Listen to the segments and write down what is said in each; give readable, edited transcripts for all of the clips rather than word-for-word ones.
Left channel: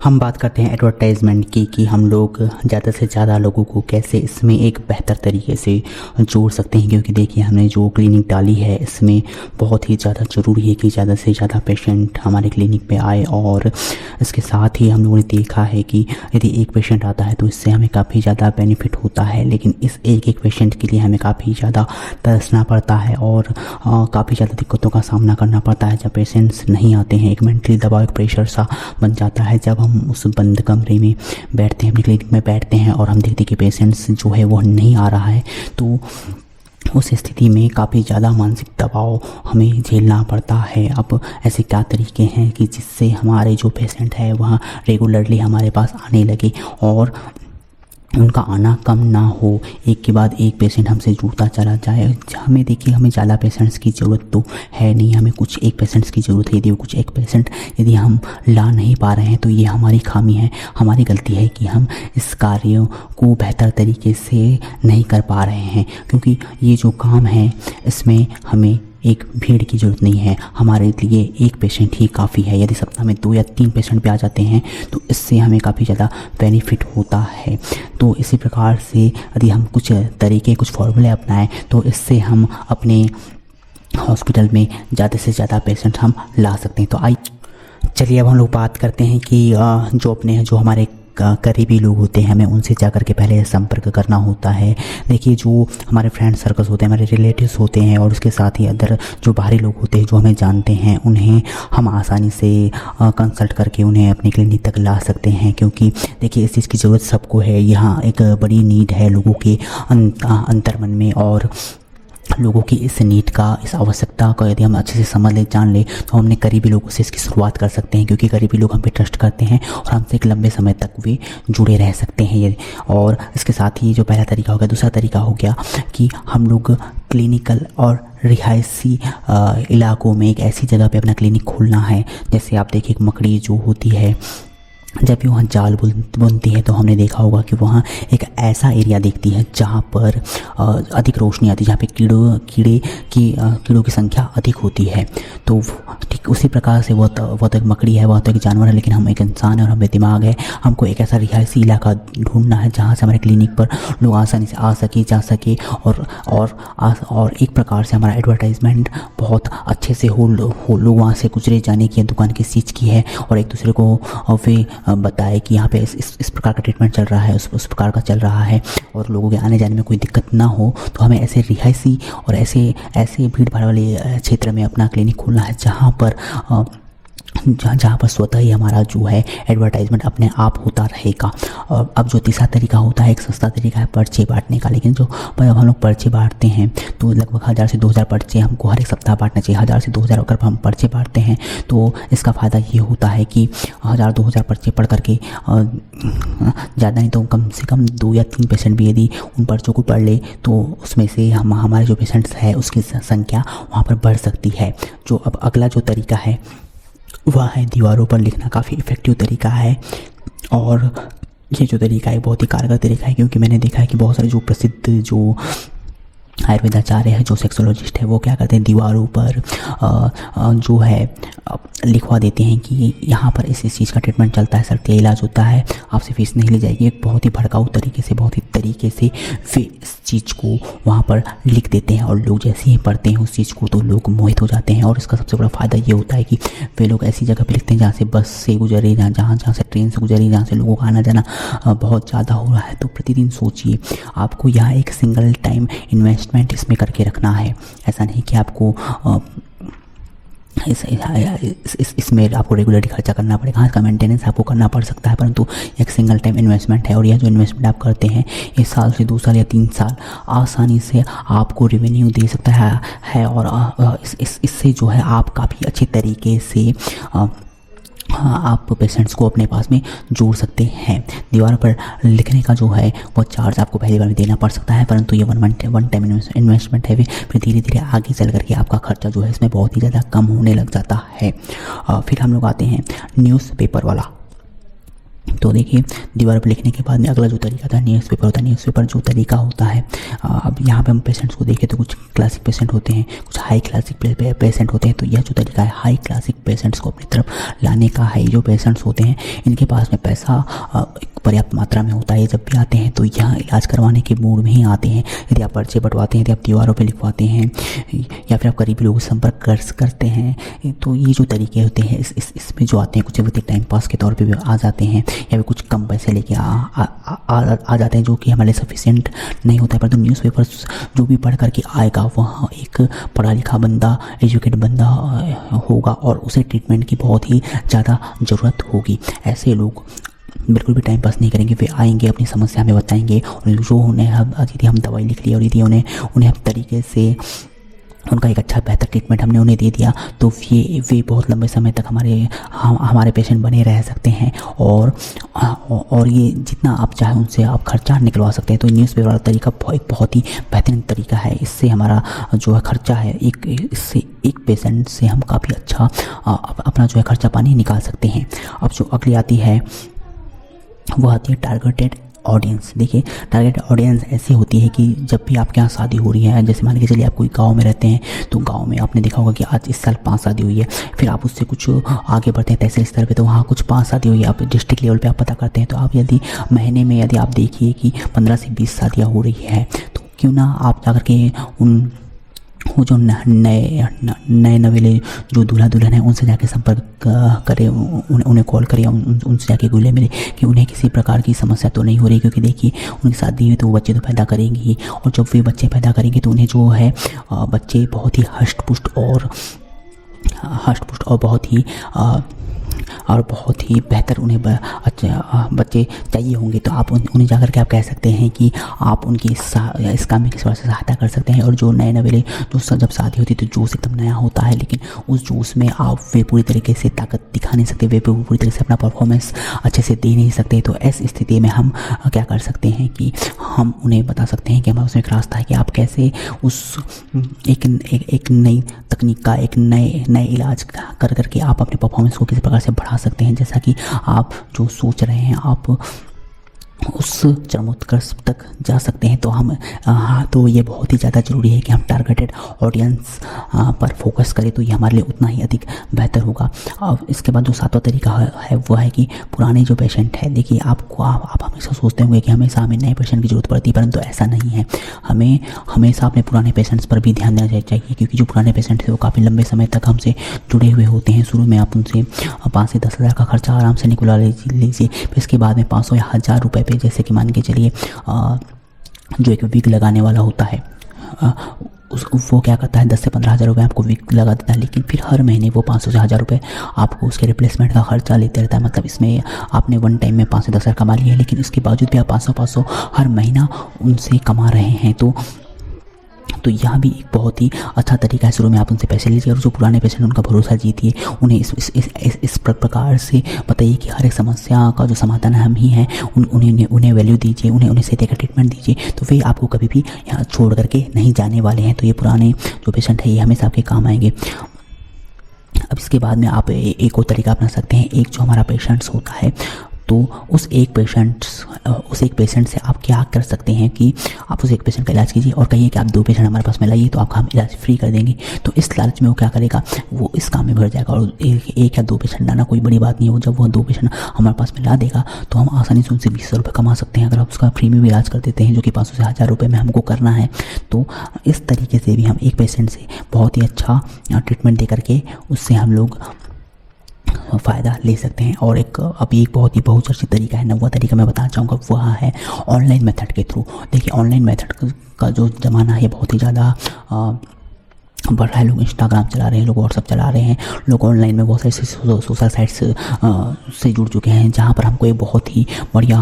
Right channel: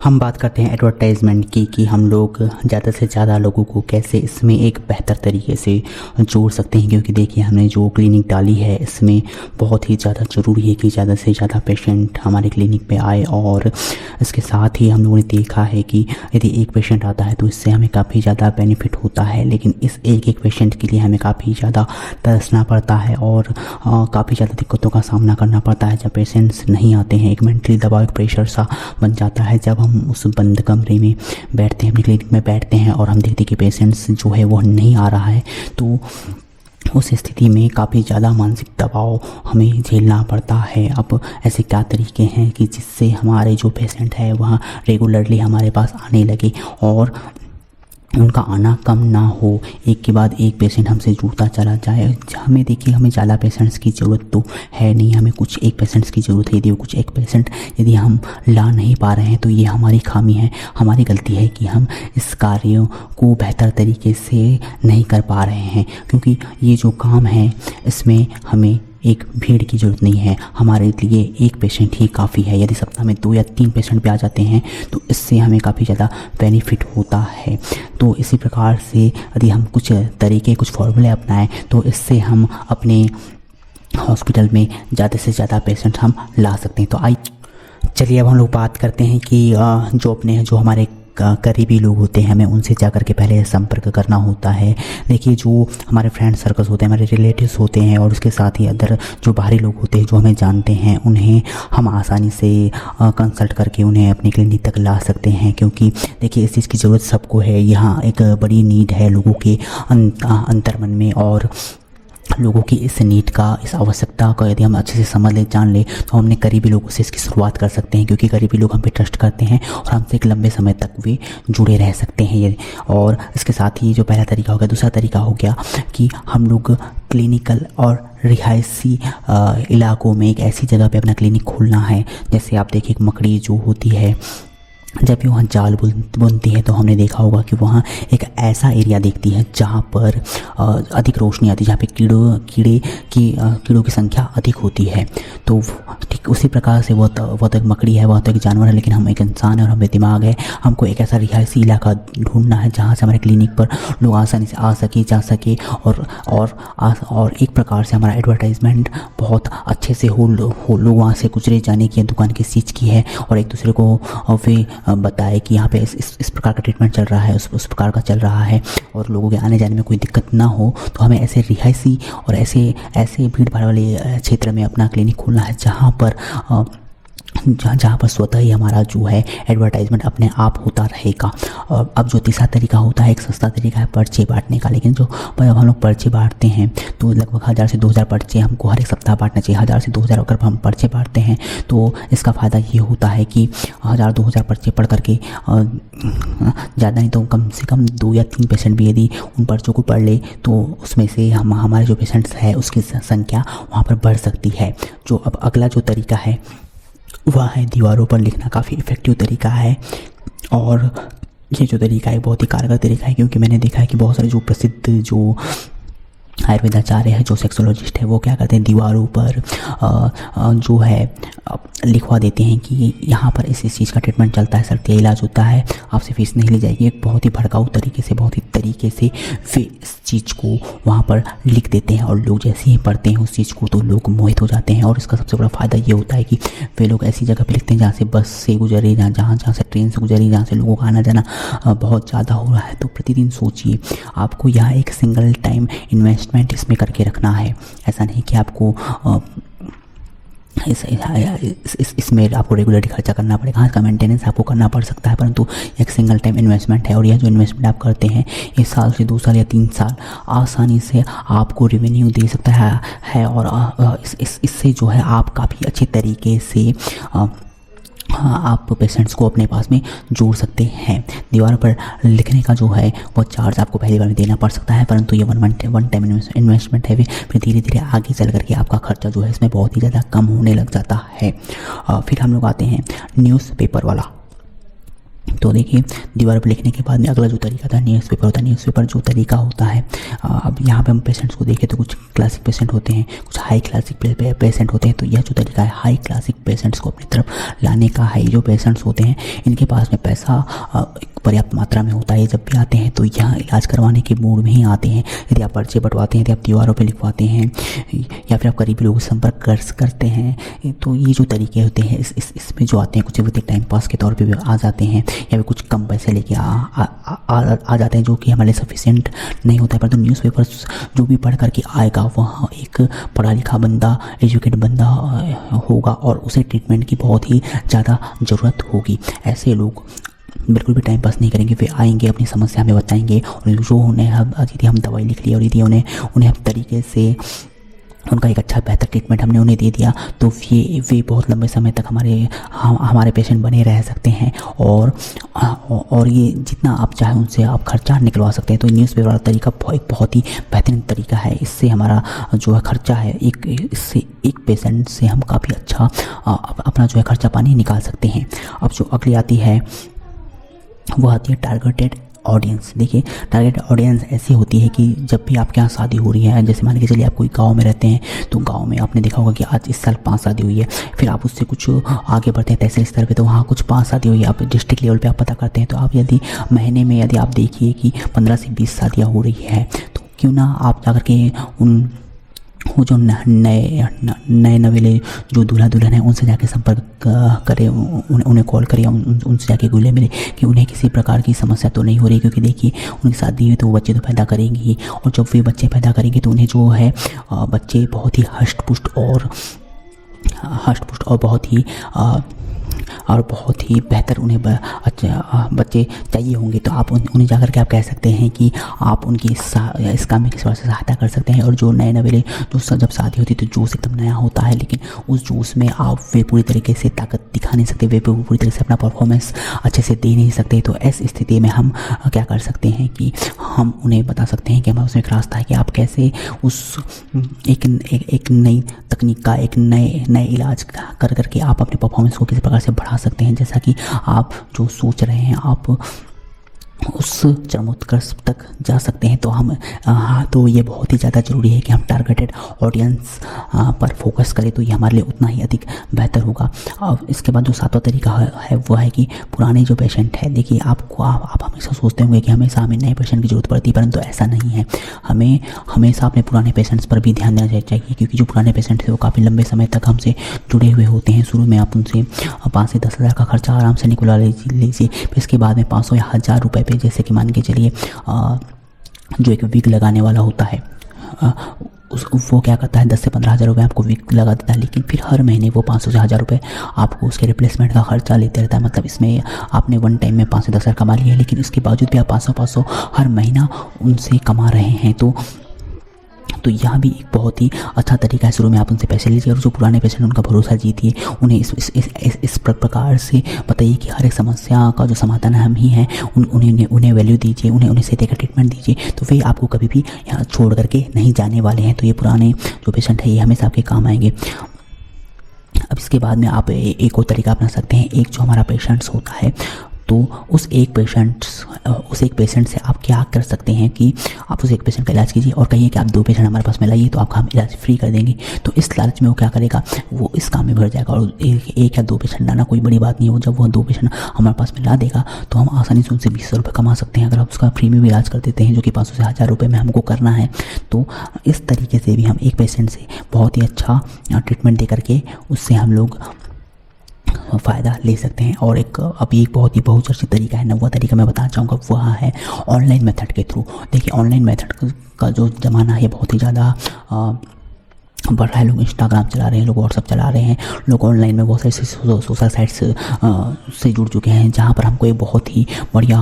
हम बात करते हैं एडवर्टाइज़मेंट की कि हम लोग ज़्यादा से ज़्यादा लोगों को कैसे इसमें एक बेहतर तरीके से जोड़ सकते हैं, क्योंकि देखिए हमने जो क्लिनिक डाली है इसमें बहुत ही ज़्यादा ज़रूरी है कि ज़्यादा से ज़्यादा पेशेंट हमारे क्लिनिक पे आए। और इसके साथ ही हम लोगों ने देखा है कि यदि एक पेशेंट आता है तो इससे हमें काफ़ी ज़्यादा बेनिफिट होता है, लेकिन इस एक पेशेंट के लिए हमें काफ़ी ज़्यादा तरसना पड़ता है और काफ़ी ज़्यादा दिक्कतों का सामना करना पड़ता है जब पेशेंट्स नहीं आते हैं। एक मेंटली दबाव, एक प्रेशर सा बन जाता है जब हम उस बंद कमरे में बैठते हैं, अपनी क्लिनिक में बैठते हैं और हम देखते हैं कि पेशेंट्स जो है वो नहीं आ रहा है। तो उस स्थिति में काफ़ी ज़्यादा मानसिक दबाव हमें झेलना पड़ता है। अब ऐसे क्या तरीके हैं कि जिससे हमारे जो पेशेंट है वह रेगुलरली हमारे पास आने लगे और उनका आना कम ना हो, एक के बाद एक पेशेंट हमसे जुड़ता चला जाए। हमें देखिए हमें ज़्यादा पेशेंट्स की ज़रूरत तो है नहीं, हमें कुछ एक पेशेंट्स की ज़रूरत है। यदि वो कुछ एक पेशेंट यदि हम ला नहीं पा रहे हैं तो ये हमारी खामी है, हमारी गलती है कि हम इस कार्य को बेहतर तरीके से नहीं कर पा रहे हैं। क्योंकि ये जो काम है इसमें हमें एक भीड़ की ज़रूरत नहीं है, हमारे लिए एक पेशेंट ही काफ़ी है। यदि सप्ताह में 2 या 3 पेशेंट भी आ जाते हैं तो इससे हमें काफ़ी ज़्यादा बेनिफिट होता है। तो इसी प्रकार से यदि हम कुछ तरीके, कुछ फॉर्मूले अपनाएं तो इससे हम अपने हॉस्पिटल में ज़्यादा से ज़्यादा पेशेंट हम ला सकते हैं। तो चलिए अब हम लोग बात करते हैं कि जो हमारे करीबी लोग होते हैं हमें उनसे जा कर के पहले संपर्क करना होता है। देखिए जो हमारे फ्रेंड सर्कल्स होते हैं, हमारे रिलेटिव्स होते हैं और उसके साथ ही अदर जो बाहरी लोग होते हैं जो हमें जानते हैं, उन्हें हम आसानी से कंसल्ट करके उन्हें अपनी क्लिनिक तक ला सकते हैं। क्योंकि देखिए इस चीज़ की ज़रूरत सबको है, यहाँ एक बड़ी नीड है लोगों के अंतर्मन में। और लोगों की इस नीड का, इस आवश्यकता का यदि हम अच्छे से समझ ले, जान ले तो हम अपने करीबी लोगों से इसकी शुरुआत कर सकते हैं। क्योंकि करीबी लोग हम पे ट्रस्ट करते हैं और हमसे एक लंबे समय तक वे जुड़े रह सकते हैं। और इसके साथ ही जो पहला तरीका हो गया, दूसरा तरीका हो गया कि हम लोग क्लिनिकल और रिहायशी इलाकों में एक ऐसी जगह पे अपना क्लिनिक खोलना है। जैसे आप देखिए एक मकड़ी जो होती है जब भी वहाँ जाल बुनती है तो हमने देखा होगा कि वहाँ एक ऐसा एरिया देखती है जहाँ पर अधिक रोशनी आती है, जहाँ पे कीड़ों की संख्या अधिक होती है। तो ठीक उसी प्रकार से वो तो एक मकड़ी है, वह तो एक जानवर है, लेकिन हम एक इंसान है और हमें दिमाग है। हमको एक ऐसा रिहायशी इलाका ढूंढना है जहाँ से हमारे क्लिनिक पर लोग आसानी से आ सके, जा सके और एक प्रकार से हमारा एडवर्टाइजमेंट बहुत अच्छे से हो लोग वहाँ से गुजरे जाने की दुकान किस चीज़ की है और एक दूसरे को वे बताए कि यहाँ पे इस प्रकार का ट्रीटमेंट चल रहा है, उस प्रकार का चल रहा है और लोगों के आने जाने में कोई दिक्कत ना हो। तो हमें ऐसे रिहायशी और ऐसे भीड़ भाड़ वाले क्षेत्र में अपना क्लिनिक खोलना है जहाँ पर स्वतः ही हमारा जो है एडवर्टाइजमेंट अपने आप होता रहेगा। अब जो तीसरा तरीका होता है, एक सस्ता तरीका है पर्चे बांटने का। लेकिन जो हम लोग पर्चे बांटते हैं तो लगभग 1000 से 2000 पर्चे हमको हर एक सप्ताह बांटने चाहिए। 1000 से 2000 अगर हम पर्चे बांटते हैं तो इसका फ़ायदा ये होता है कि 1000-2000 पर्चे पढ़ करके ज़्यादा नहीं तो कम से कम 2 या 3 पेशेंट भी यदि उन पर्चों को पढ़ ले तो उसमें से हमारे जो पेशेंट्स है उसकी संख्या वहाँ पर बढ़ सकती है। जो अब अगला जो तरीका है वह है दीवारों पर लिखना। काफ़ी इफेक्टिव तरीका है और ये जो तरीका है बहुत ही कारगर तरीका है। क्योंकि मैंने देखा है कि बहुत सारे जो प्रसिद्ध जो आयुर्वेद आचार्य है, जो सेक्सोलॉजिस्ट है, वो क्या करते हैं दीवारों पर जो है लिखवा देते हैं कि यहाँ पर इस चीज़ का ट्रीटमेंट चलता है, सर ये इलाज होता है, आपसे फीस नहीं ली जाएगी। एक बहुत ही भड़काऊ तरीके से, बहुत ही तरीके से वे इस चीज़ को वहाँ पर लिख देते हैं और लोग जैसे ही पढ़ते हैं उस चीज़ को तो लोग मोहित हो जाते हैं। और इसका सबसे बड़ा फ़ायदा ये होता है कि वे लोग ऐसी जगह पर लिखते हैं जहाँ से बस से गुजरे, जहाँ से ट्रेन से गुजरे, जहाँ से लोगों का आना जाना बहुत ज़्यादा हो रहा है। तो प्रतिदिन सोचिए आपको यहाँ एक सिंगल टाइम इन्वेस्टमेंट इसमें करके रखना है। ऐसा नहीं कि आपको इसमें आपको रेगुलरली खर्चा करना पड़ेगा, इसका मेंटेनेंस आपको करना पड़ सकता है, परंतु एक सिंगल टाइम इन्वेस्टमेंट है। और यह जो इन्वेस्टमेंट आप करते हैं 1 साल से 2 साल या 3 साल आसानी से आपको रेवेन्यू दे सकता है। और इससे जो है आप काफ़ी अच्छे तरीके से आप पेशेंट्स को अपने पास में जोड़ सकते हैं। दीवार पर लिखने का जो है वो चार्ज आपको पहली बार देना पड़ सकता है, परंतु ये वन टाइम इन्वेस्टमेंट है। फिर धीरे धीरे आगे चल करके आपका खर्चा जो है इसमें बहुत ही ज़्यादा कम होने लग जाता है। फिर हम लोग आते हैं न्यूज़पेपर वाला। तो देखिए, दीवार पर लिखने के बाद में अगला जो तरीका था न्यूज़पेपर होता है। न्यूज़पेपर जो तरीका होता है, अब यहाँ पे हम पेशेंट्स को देखें तो कुछ क्लासिक पेशेंट होते हैं, कुछ हाई क्लासिक पेशेंट होते हैं। तो यह जो तरीका है हाई क्लासिक पेशेंट्स को अपनी तरफ लाने का है। जो पेशेंट्स होते हैं इनके पास में पैसा पर्याप्त मात्रा में होता है, जब भी आते हैं तो यह इलाज करवाने के मूड में ही आते हैं। यदि आप पर्चे बंटवाते हैं, यदि आप दीवारों पे लिखवाते हैं या फिर आप करीबी लोगों से संपर्क करते हैं, तो ये जो तरीके होते हैं इसमें जो आते हैं कुछ होते हैं टाइम पास के तौर पे भी आ जाते हैं, या फिर कुछ कम पैसे लेके आ जाते हैं, जो कि हमारे सफिशिएंट नहीं होता है। परंतु न्यूज़पेपर्स जो भी पढ़ करके आएगा वह एक पढ़ा लिखा बंदा, एजुकेट बंदा होगा और उसे ट्रीटमेंट की बहुत ही ज़्यादा ज़रूरत होगी। ऐसे लोग बिल्कुल भी टाइम पास नहीं करेंगे, वे आएंगे अपनी समस्या में बताएंगे, जो उन्हें यदि हम दवाई लिख ली और यदि उन्हें हम तरीके से उनका एक अच्छा बेहतर ट्रीटमेंट हमने उन्हें दे दिया तो वे बहुत लंबे समय तक हमारे पेशेंट बने रह सकते हैं। और ये जितना आप चाहें उनसे आप खर्चा निकलवा सकते हैं। तो न्यूज़पेपर वाला तरीका बहुत ही बेहतरीन तरीका है। इससे हमारा जो है खर्चा है एक पेशेंट से हम काफ़ी अच्छा अपना जो है खर्चा पानी निकाल सकते हैं। अब जो अगली आती है वह आती है टारगेटेड ऑडियंस। देखिए, टारगेट ऑडियंस ऐसी होती है कि जब भी आपके यहाँ शादी हो रही है, जैसे मान के चलिए आप कोई गांव में रहते हैं, तो गांव में आपने देखा होगा कि आज इस साल 5 शादी हुई है, फिर आप उससे कुछ आगे बढ़ते हैं तहसील स्तर पे तो वहाँ कुछ 5 शादी हुई है, आप डिस्ट्रिक्ट लेवल पे आप पता करते हैं, तो आप यदि महीने में यदि आप देखिए कि 15 से 20 शादियाँ हो रही है, तो क्यों ना आप जाकर के वो जो नए नवेले जो दूल्हा दुल्हन है उनसे जाके संपर्क करें, उन्हें कॉल करें, उनसे जाके बोले मिले कि उन्हें किसी प्रकार की समस्या तो नहीं हो रही, क्योंकि देखिए उनकी शादी है तो वो बच्चे तो पैदा करेंगी, और जब वे बच्चे पैदा करेंगे तो उन्हें जो है बच्चे बहुत ही हष्ट पुष्ट और बहुत ही बेहतर उन्हें बच्चे चाहिए होंगे। तो आप उन्हें जाकर के आप कह सकते हैं कि आप उनकी इस काम में किस तरह से सहायता कर सकते हैं। और जो नए नवेले जो जब शादी होती है तो जोश एकदम नया होता है, लेकिन उस जोश में आप वे पूरी तरीके से ताकत दिखा नहीं सकते, वे पूरी तरीके से अपना परफॉर्मेंस अच्छे से दे नहीं सकते। तो ऐसी स्थिति में हम क्या कर सकते हैं कि हम उन्हें बता सकते हैं कि हमारे उसमें एक रास्ता है कि आप कैसे उस एक नई तकनीक का एक नए इलाज कर करके आप अपने परफॉर्मेंस को किसी प्रकार से बढ़ा सकते हैं। जैसा कि आप जो सोच रहे हैं आप उस चरमोत्कर्ष तक जा सकते हैं। तो ये बहुत ही ज़्यादा ज़रूरी है कि हम टारगेटेड ऑडियंस पर फोकस करें, तो ये हमारे लिए उतना ही अधिक बेहतर होगा। और इसके बाद जो 7वां तरीका है वो है कि पुराने जो पेशेंट हैं, देखिए आप हमेशा सोचते होंगे कि हमेशा हमें नए पेशेंट की जरूरत पड़ती है, परंतु ऐसा नहीं है। हमें हमेशा अपने पुराने पेशेंट्स पर भी ध्यान देना चाहिए, क्योंकि जो पुराने पेशेंट हैं वो काफ़ी लंबे समय तक हमसे जुड़े हुए होते हैं। शुरू में आप उनसे 5 से 10 हज़ार का खर्चा आराम से निकला लीजिए, इसके बाद में 500 या 1000 रुपये पे, जैसे कि मान के चलिए जो एक विग लगाने वाला होता है वो क्या करता है 10 से 15 हज़ार रुपये आपको विग लगा देता है, लेकिन फिर हर महीने वो 500 से 1000 रुपये आपको उसके रिप्लेसमेंट का खर्चा लेते रहता है। मतलब इसमें आपने वन टाइम में 5 से 10 हज़ार कमा लिया, लेकिन उसके बावजूद भी आप 500 हर महीना उनसे कमा रहे हैं। तो यह भी एक बहुत ही अच्छा तरीका है। शुरू में आप उनसे पैसे लीजिए और जो पुराने पेशेंट उनका भरोसा जीती, उन्हें इस प्रकार से बताइए कि हर एक समस्या का जो समाधान हम ही हैं, उन्हें वैल्यू दीजिए, उन्हें सीधे का ट्रीटमेंट दीजिए, तो वे आपको कभी भी यहाँ छोड़ करके नहीं जाने वाले हैं। तो ये पुराने जो पेशेंट है ये हमेशा आपके काम आएंगे। अब इसके बाद में आप एक और तरीका अपना सकते हैं। एक जो हमारा पेशेंट्स होता है, तो उस एक पेशेंट से आप क्या कर सकते हैं कि आप उस एक पेशेंट का इलाज कीजिए और कहिए कि आप 2 पेशेंट हमारे पास में लाइए तो आपका इलाज फ्री कर देंगे। तो इस लालच में वो क्या करेगा, वो इस काम में भर जाएगा। और एक या 2 पेशेंट लाना कोई बड़ी बात नहीं है। जब वो 2 पेशेंट हमारे पास में ला देगा तो हम आसानी से उनसे 20 रुपये कमा सकते हैं, अगर आप उसका फ्री में भी इलाज कर देते हैं, जो कि 500 से 1000 रुपये में हमको करना है। तो इस तरीके से भी हम एक पेशेंट से बहुत ही अच्छा ट्रीटमेंट दे करके उससे हम लोग फ़ायदा ले सकते हैं। और एक अभी एक बहुत ही बहुचर्चित तरीका है, 9वां तरीका मैं बताना चाहूँगा, वह है ऑनलाइन मेथड के थ्रू। देखिए ऑनलाइन मेथड का जो ज़माना है बहुत ही ज़्यादा बढ़ रहा है। लोग इंस्टाग्राम चला रहे हैं, लोग व्हाट्सअप चला रहे हैं, लोग ऑनलाइन में बहुत सारी सोशल साइट से जुड़ चुके हैं, जहाँ पर हमको एक बहुत ही बढ़िया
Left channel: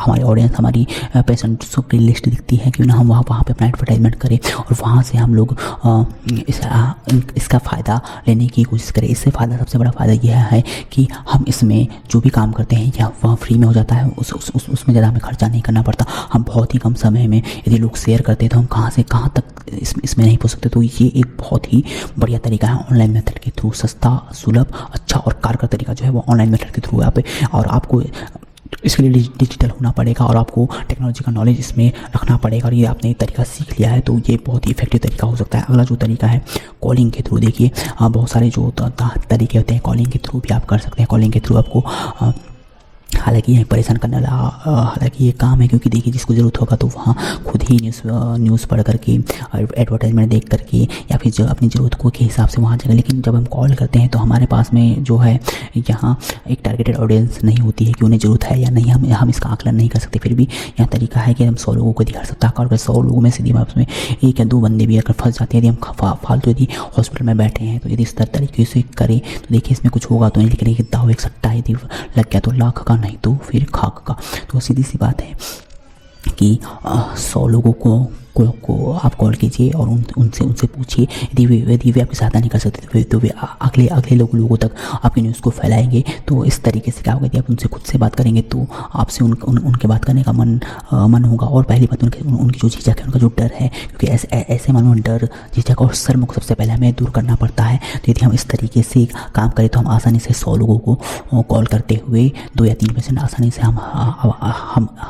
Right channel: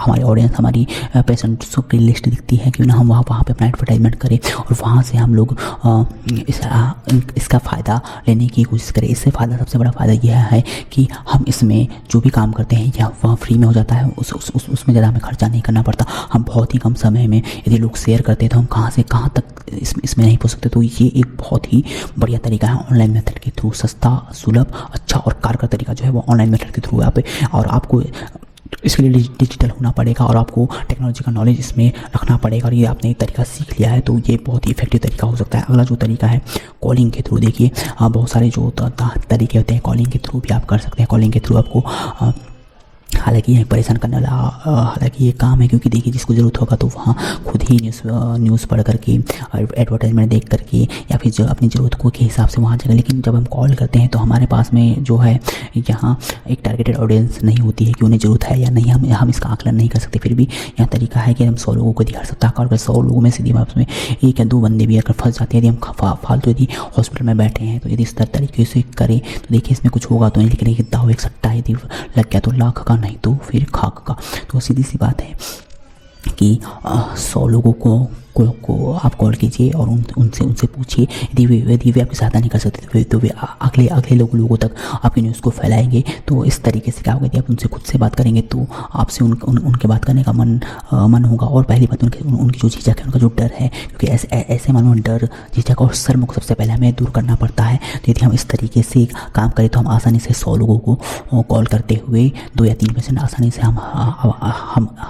हमारी ऑडियंस, हमारी पेशेंट्स की लिस्ट दिखती है, क्यों ना हम वहाँ पे अपना एडवर्टाइजमेंट करें और वहाँ से हम लोग इसका फ़ायदा लेने की कोशिश करें। इससे फ़ायदा, सबसे बड़ा फ़ायदा यह है कि हम इसमें जो भी काम करते हैं या वह फ्री में हो जाता है, उसमें ज़्यादा हमें खर्चा नहीं करना पड़ता। हम बहुत ही कम समय में यदि लोग शेयर करते हैं तो हम कहाँ से कहाँ तक इसमें नहीं पहुँच सकते। तो ये एक बहुत ही बढ़िया तरीका है ऑनलाइन मेथड के थ्रू, सस्ता, सुलभ, अच्छा और कारगर तरीका जो है वो ऑनलाइन मेथड के थ्रू है। आप और आपको इसके लिए डिजिटल होना पड़ेगा और आपको टेक्नोलॉजी का नॉलेज इसमें रखना पड़ेगा। और ये आपने एक तरीका सीख लिया है तो ये बहुत ही इफेक्टिव तरीका हो सकता है। अगला जो तरीका है कॉलिंग के थ्रू, देखिए बहुत सारे जो तरीके होते हैं, कॉलिंग के थ्रू भी आप कर सकते हैं। कॉलिंग के थ्रू आपको हालांकि ये परेशान करना हालांकि ये काम है, क्योंकि देखिए जिसको ज़रूरत होगा तो वहाँ खुद ही न्यूज़ पढ़ करके और एडवर्टाइजमेंट देख करके या फिर जो अपनी ज़रूरत को के हिसाब से वहाँ जाएगा। लेकिन जब हम कॉल करते हैं तो हमारे पास में जो है यहाँ एक टारगेटेड ऑडियंस नहीं होती है कि उन्हें ज़रूरत है या नहीं, हम इसका आकलन नहीं कर सकते। फिर भी यह तरीका है कि हम 100 लोगों को दिखा सकते हैं। अगर 100 लोगों में से यदि आपस में 1 या 2 बंदे भी अगर फंस जाते हैं, यदि हम फालतू यदि हॉस्पिटल में बैठे हैं तो यदि इस तरीके से करें तो देखिए इसमें कुछ होगा तो नहीं, लेकिन एक दाव एक सिट्टा यदि लग गया तो लाख का नहीं तो फिर खाक का। तो सीधी सी बात है कि 100 लोगों को आप कॉल कीजिए और उनसे पूछिए। यदि वे आपकी सहायता नहीं कर सकते तो वे अगले लोगों तक आपकी न्यूज़ को फैलाएंगे। तो इस तरीके से क्या होगा कि आप उनसे खुद से बात करेंगे तो आपसे उनके बात करने का मन होगा। और पहली बात उनकी जो झिझक है, उनका जो डर है, क्योंकि ऐसे मानो डर, झिझक और शर्म सबसे पहले हमें दूर करना पड़ता है। तो यदि हम इस तरीके से काम करें तो हम आसानी से 100 लोगों को कॉल करते हुए 2 या 3% आसानी से हम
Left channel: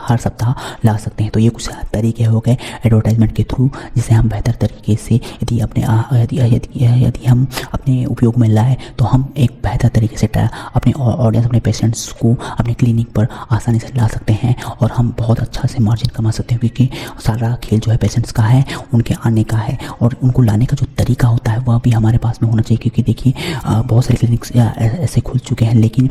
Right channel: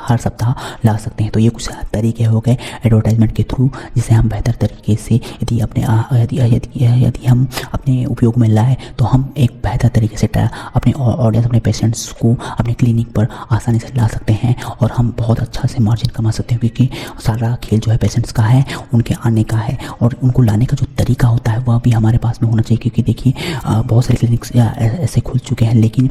हर सप्ताह ला सकते हैं। तो ये कुछ तरीके हो गए एडवर्टाइजमेंट के थ्रू, जिसे हम बेहतर तरीके से यदि हम अपने उपयोग में लाएँ तो हम एक बेहतर तरीके से अपने ऑडियंस, अपने पेशेंट्स को अपने क्लिनिक पर आसानी से ला सकते हैं और हम बहुत अच्छा से मार्जिन कमा सकते हैं। क्योंकि सारा खेल जो है पेशेंट्स का है, उनके आने का है और उनको लाने का जो तरीका होता है वह भी हमारे पास में होना चाहिए। क्योंकि देखिए बहुत सारे क्लिनिक्स ऐसे खुल चुके हैं, लेकिन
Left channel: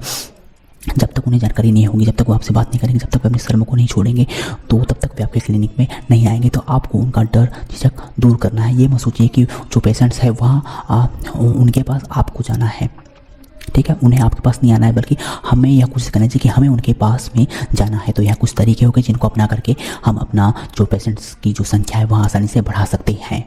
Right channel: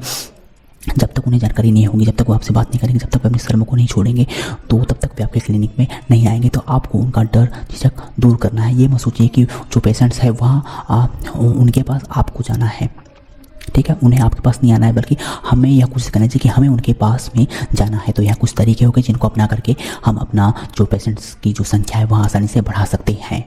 जब तक उन्हें जानकारी नहीं होगी, जब तक वो आपसे बात नहीं करेंगे, जब तक अपने शर्म को नहीं छोड़ेंगे तो तब तक वे आपकी क्लिनिक में नहीं आएंगे। तो आपको उनका डर, झिझक दूर करना है। ये मत सोचिए कि जो पेशेंट्स है वहाँ उनके पास आपको जाना है, ठीक है, उन्हें आपके पास नहीं आना है, बल्कि हमें यह कोशिश करना चाहिए कि हमें उनके पास भी जाना है। तो यहाँ कुछ तरीके हो गए जिनको अपना करके हम अपना जो पेशेंट्स की जो संख्या है वह आसानी से बढ़ा सकते हैं।